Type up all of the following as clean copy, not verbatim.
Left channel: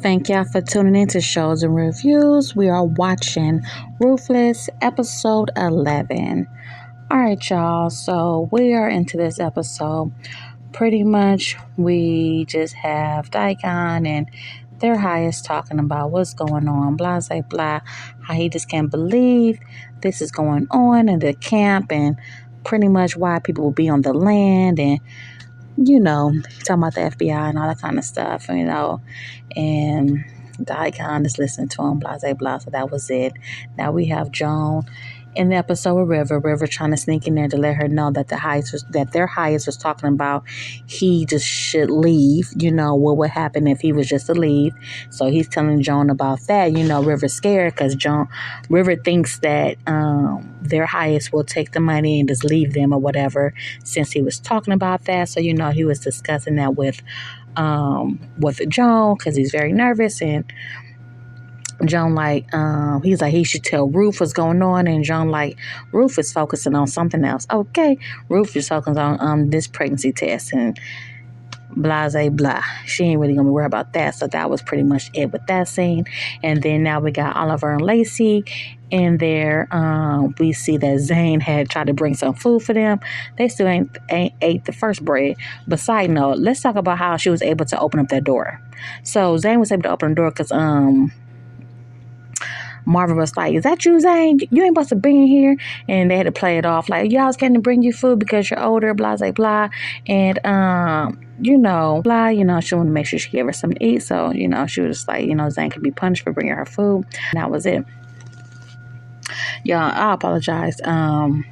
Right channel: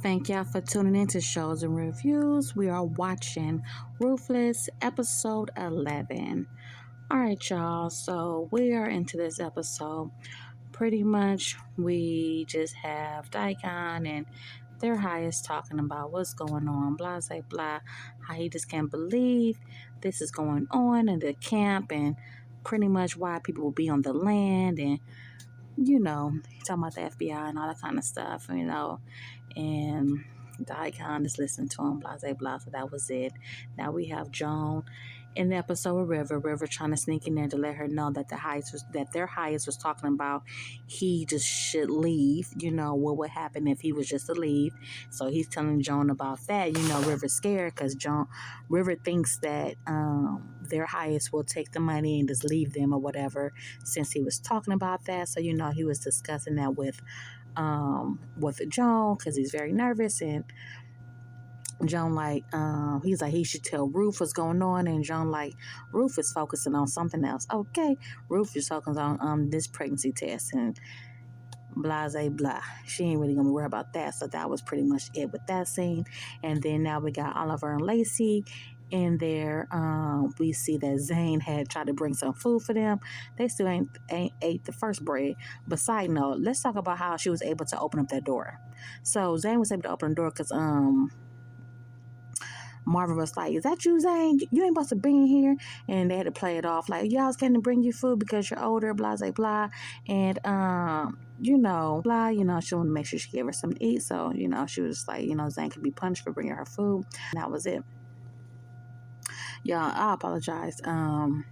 Thank y'all for tuning in to Shows and Reviews. We are watching Ruthless, episode 11. All right, y'all. So we are into this episode. Pretty much, we just have Daikon and their highest talking about what's going on, blah, blah, blah, how he just can't believe this is going on in the camp, and pretty much why people will be on the land, and talking about the FBI and all that kind of stuff, and the icon is listening to him, blah, blah, blah. So that was it. Now we have Joan in the episode with River trying to sneak in there to let her know that their highest was talking about he just should leave, what would happen if he was just to leave. So he's telling Joan about that. River's scared because River thinks that their highest will take the money and just leave them or whatever, since he was talking about that. So he was discussing that with Joan because he's very nervous, and Joan he's like he should tell Ruth what's going on, and Joan Ruth is focusing on something else. Okay, Ruth is focusing on this pregnancy test and blah blah blah. She ain't really gonna worry about that. So that was pretty much it with that scene. And then now we got Oliver and Lacey in there. We see that Zane had tried to bring some food for them. They still ain't ate the first bread. But side note, let's talk about how she was able to open up that door. So Zane was able to open the door because Marvin was like, "Is that you, Zane? You ain't supposed to be in here." And they had to play it off like, "Y'all was getting to bring you food because you're older, blah, blah, blah." And, blah, she wanted to make sure she gave her something to eat. So, she was like, Zane could be punished for bringing her food. And that was it. Y'all, I apologize. The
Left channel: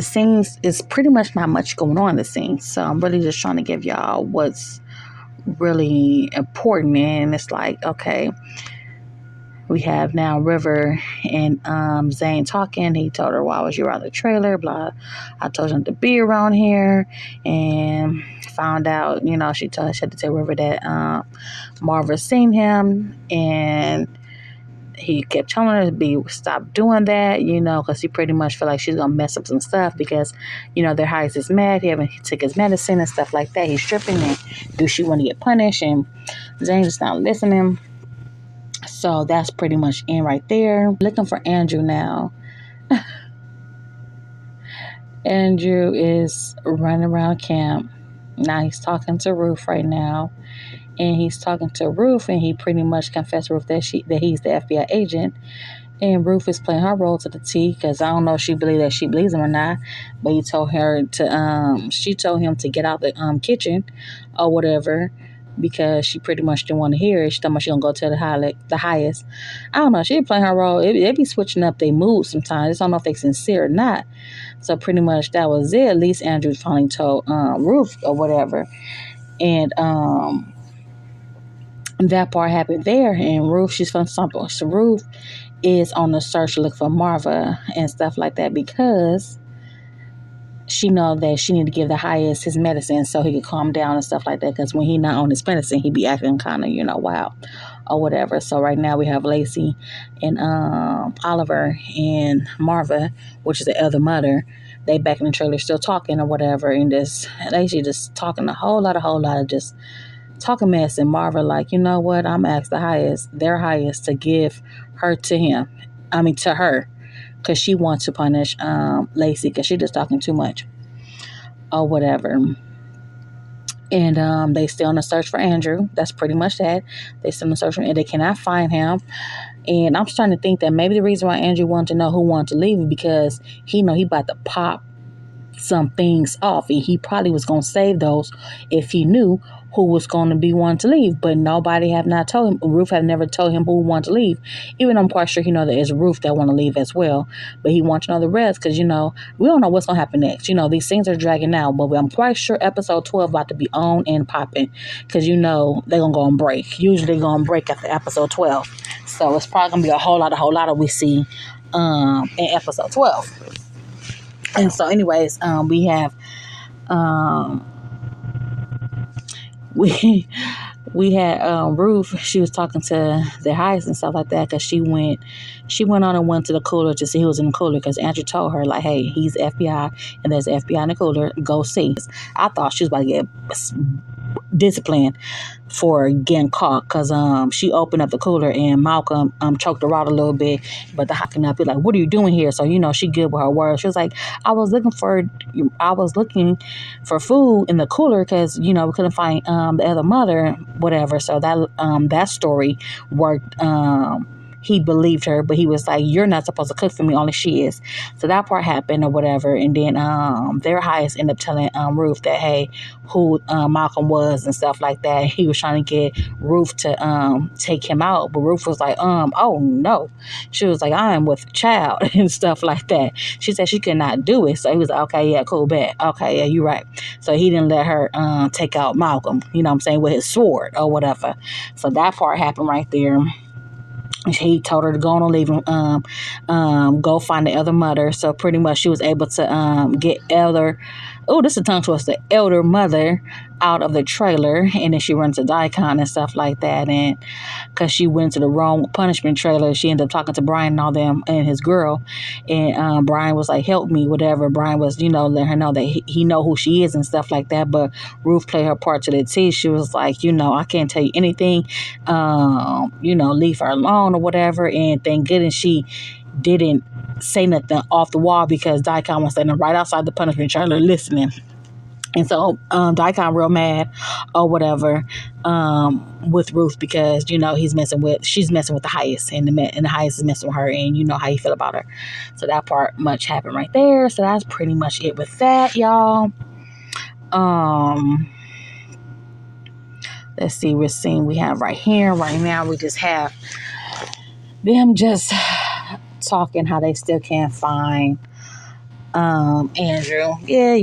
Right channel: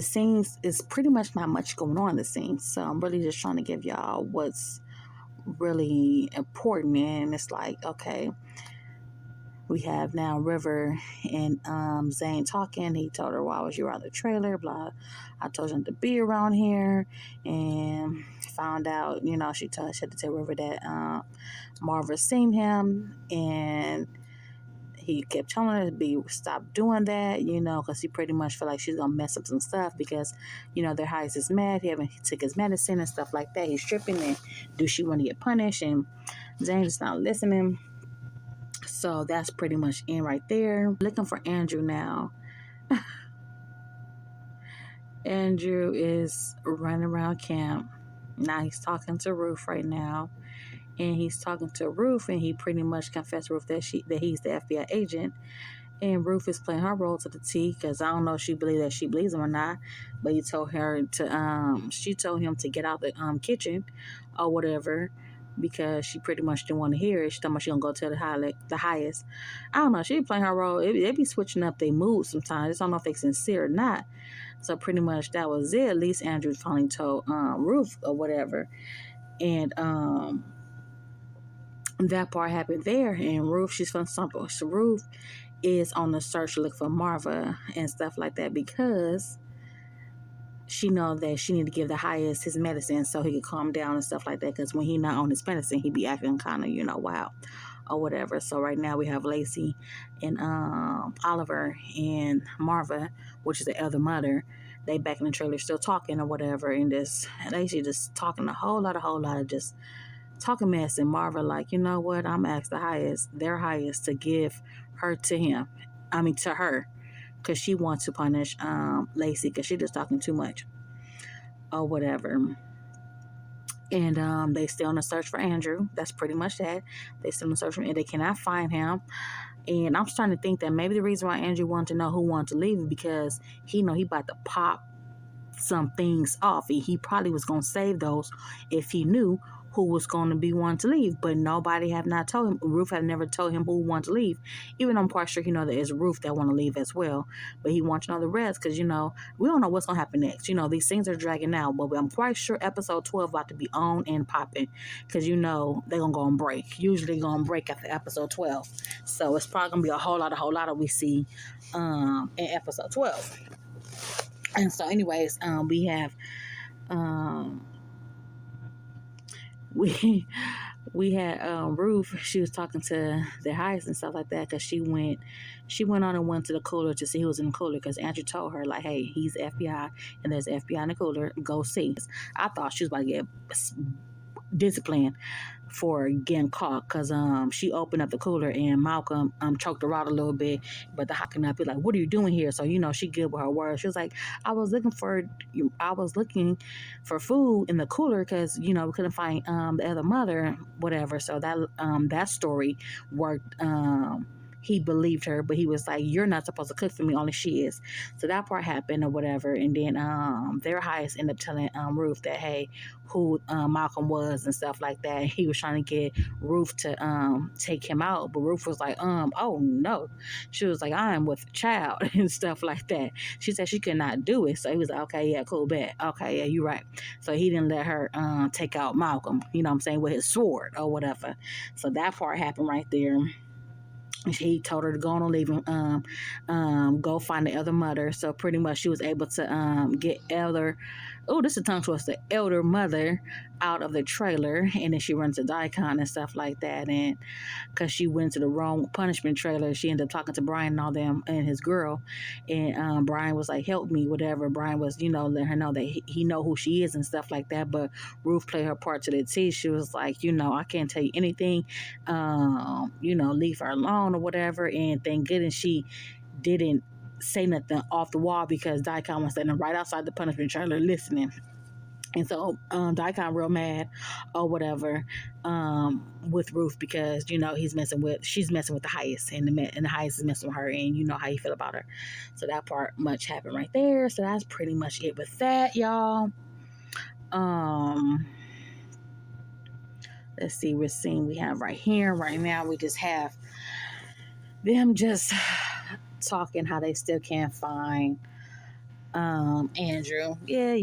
scenes is pretty much not much going on in the scenes. So I'm really just trying to give y'all what's really important. And it's like, okay, we have now River and Zane talking. He told her, "Why was you around the trailer? Blah. I told him to be around here." And found out, she had to tell River that Marva seen him, and he kept telling her to stop doing that, because he pretty much feel like she's gonna mess up some stuff because, their highest is mad. He took his medicine and stuff like that. He's stripping, and do she want to get punished? And Zane's just not listening. So that's pretty much in right there. Looking for Andrew now. Andrew is running around camp. Now he's talking to Ruth right now. And he's talking to Ruth, and he pretty much confessed to Ruth that he's the FBI agent. And Ruth is playing her role to the T, because I don't know if she believes him or not. But she told him to get out the kitchen or whatever, because she pretty much didn't want to hear it. She thought she gonna go tell the highest. I don't know. She playing her role. They be switching up their mood sometimes. I just don't know if they sincere or not. So pretty much that was it. At least Andrew finally told Ruth or whatever, and that part happened there. And Ruth, she's from something. So Ruth is on the search to look for Marva and stuff like that, because she know that she need to give the highest his medicine so he could calm down and stuff like that, because when he not on his medicine, he be acting kind of wild or whatever. So right now we have Lacey and Oliver and Marva, which is the other mother. They back in the trailer still talking or whatever, and Lacey just talking a whole lot of just talking mess. And Marva like, you know what, I'm asked their highest to give her to her, because she wants to punish Lacey because she just talking too much or whatever. And they still on the search for Andrew. That's pretty much that. They still on the search for him, and they cannot find him. And I'm starting to think that maybe the reason why Andrew wanted to know who wanted to leave is because he know he about to pop some things off, and he probably was going to save those if he knew who was going to be one to leave. But nobody have not told him. Ruth have never told him who wanted to leave, even though I'm quite sure he know that it's Ruth that want to leave as well. But he wants to know the rest, because we don't know what's going to happen next. These things are dragging out, but I'm quite sure episode 12 about to be on and popping, because they're going to go on break. Usually they're going on break after episode 12, so it's probably going to be a whole lot of we see in episode 12. And so anyways, we have we had Ruth. She was talking to the highest and stuff like that, because she went on and went to the cooler to see who was in the cooler, because Andrew told her like, "Hey, he's FBI and there's FBI in the cooler, go see." I thought she was about to get disciplined for getting caught because she opened up the cooler and Malcolm choked her out a little bit, but the hocking up, he's like, what are you doing here? So she good with her words. She was like, I was looking for food in the cooler because we couldn't find the other mother, whatever. So that story worked. He believed her, but he was like, you're not supposed to cook for me, only she is. So that part happened or whatever. And then their highest ended up telling Ruth that, hey, who Malcolm was and stuff like that. He was trying to get Ruth to take him out. But Ruth was like, oh no. She was like, I am with a child and stuff like that. She said she could not do it. So he was like, okay, yeah, cool, bet. Okay, yeah, you're right. So he didn't let her take out Malcolm, with his sword or whatever. So that part happened right there. He told her to go on and leave him, go find the other mother. So pretty much she was able to get this is a tongue twister, elder mother out of the trailer. And then she runs to Daikon and stuff like that. And because she went to the wrong punishment trailer, she ended up talking to Brian and all them and his girl. And Brian was like, help me, whatever. Brian was, letting her know that he know who she is and stuff like that. But Ruth played her part to the T. She was like, I can't tell you anything. Leave her alone or whatever. And thank goodness she didn't say nothing off the wall because Daikon was standing right outside the punishment trailer listening. And so Daikon real mad or whatever with Ruth because she's messing with the highest and the highest is messing with her, and you know how you feel about her. So that part much happened right there. So that's pretty much it with that, y'all. Let's see, we have right here right now, we just have them just talking how they still can't find Andrew. Yeah.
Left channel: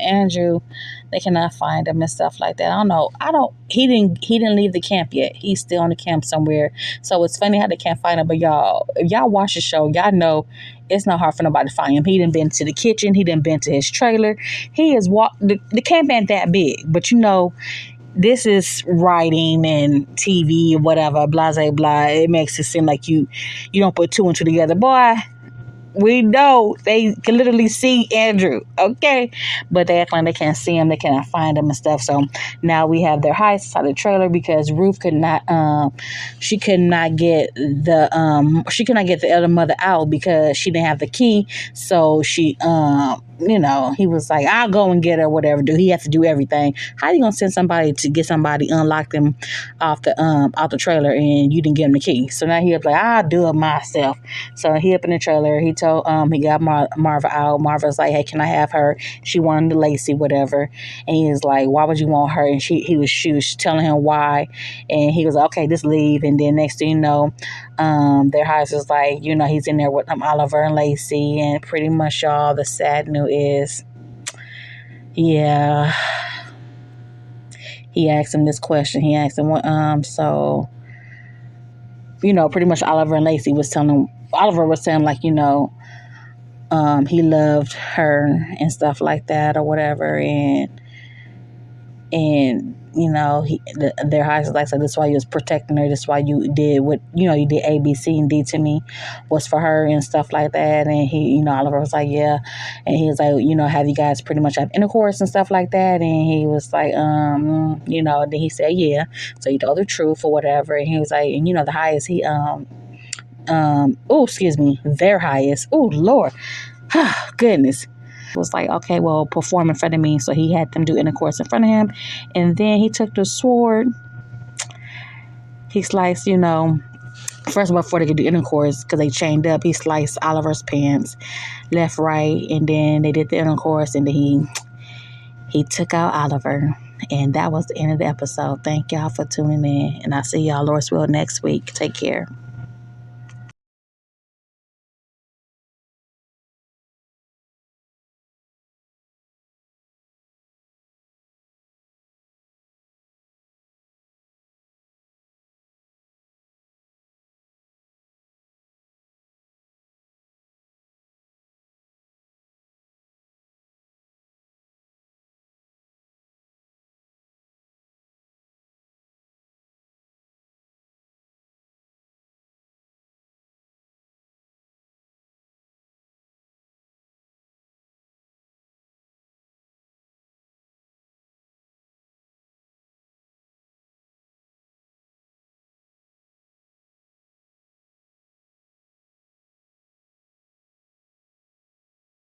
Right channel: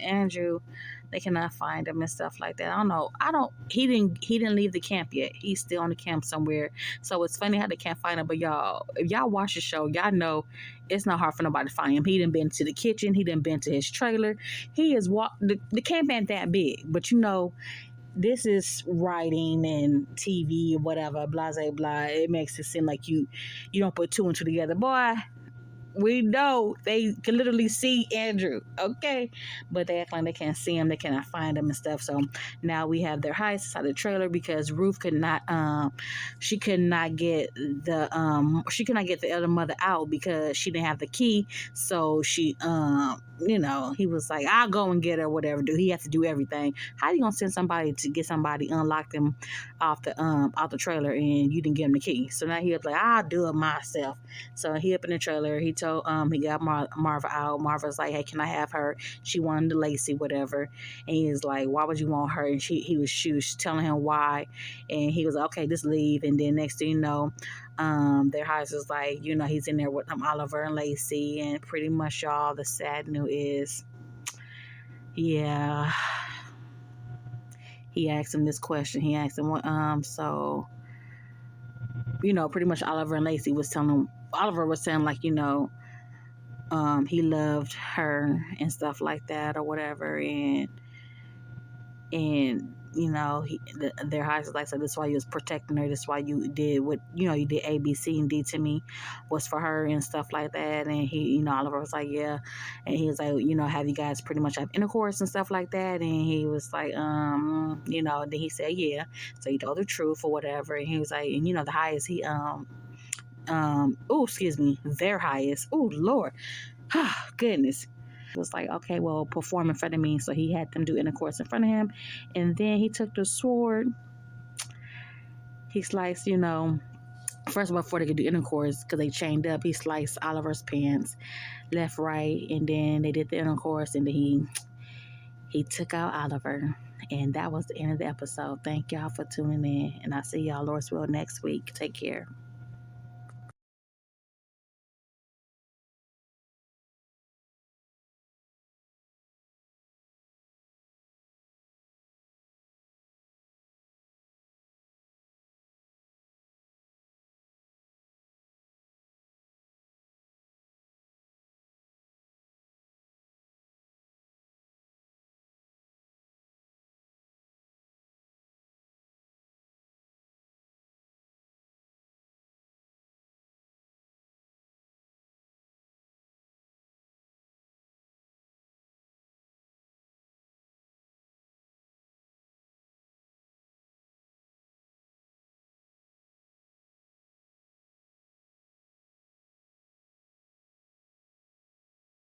Andrew, they cannot find him and stuff like that. I don't know. He didn't leave the camp yet. He's still on the camp somewhere. So it's funny how they can't find him. But if y'all watch the show, y'all know it's not hard for nobody to find him. He done been to the kitchen. He done been to his trailer. He is the camp ain't that big, but this is writing and TV or whatever, blah, blah, blah. It makes it seem like you don't put two and two together. Boy, we know they can literally see Andrew, okay? But they act like they can't see him, they cannot find him and stuff. So now we have their heist inside the trailer because Ruth could not get the other mother out because she didn't have the key. So she he was like, I'll go and get her, whatever. He has to do everything. How you gonna send somebody to get somebody, unlock them off the trailer, and you didn't give him the key? So now he was like, I'll do it myself. So he up in the trailer. He told he got Marva out. Marva's like, hey, can I have her? She wanted Lacey, whatever. And he was like, why would you want her? And she was telling him why. And he was like, okay, just leave. And then next thing you know, their house is like, he's in there with Oliver and Lacey. And pretty much, y'all, the sad news is, yeah, he asked him this question. He asked him, pretty much Oliver and Lacey was telling him, Oliver was saying like, he loved her and stuff like that or whatever. And their high is like, so that's why you was protecting her. That's why you did what, you did A, B, C, and D to me was for her and stuff like that. And he, Oliver was like, yeah. And he was like, have you guys pretty much have intercourse and stuff like that? And he was like, then he said, yeah. So he told the truth or whatever. And he was like, and the highest their highest. Oh, Lord. Goodness. Was like, okay, well, perform in front of me. So he had them do intercourse in front of him. And then he took the sword. He sliced, first of all, before they could do intercourse, because they chained up, he sliced Oliver's pants left, right. And then they did the intercourse. And then he took out Oliver. And that was the end of the episode. Thank y'all for tuning in. And I'll see y'all, Lord's will, next week. Take care.